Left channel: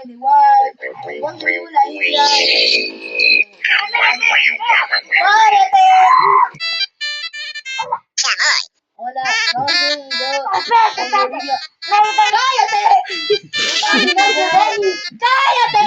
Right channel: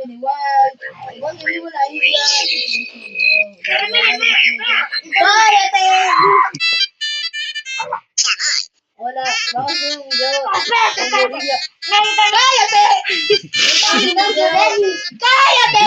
Piniwag. Huwag mo na yan. Kaya, te! Wala. Bagong Diyos. Kaya, te! Kaya, te! Kaya, te!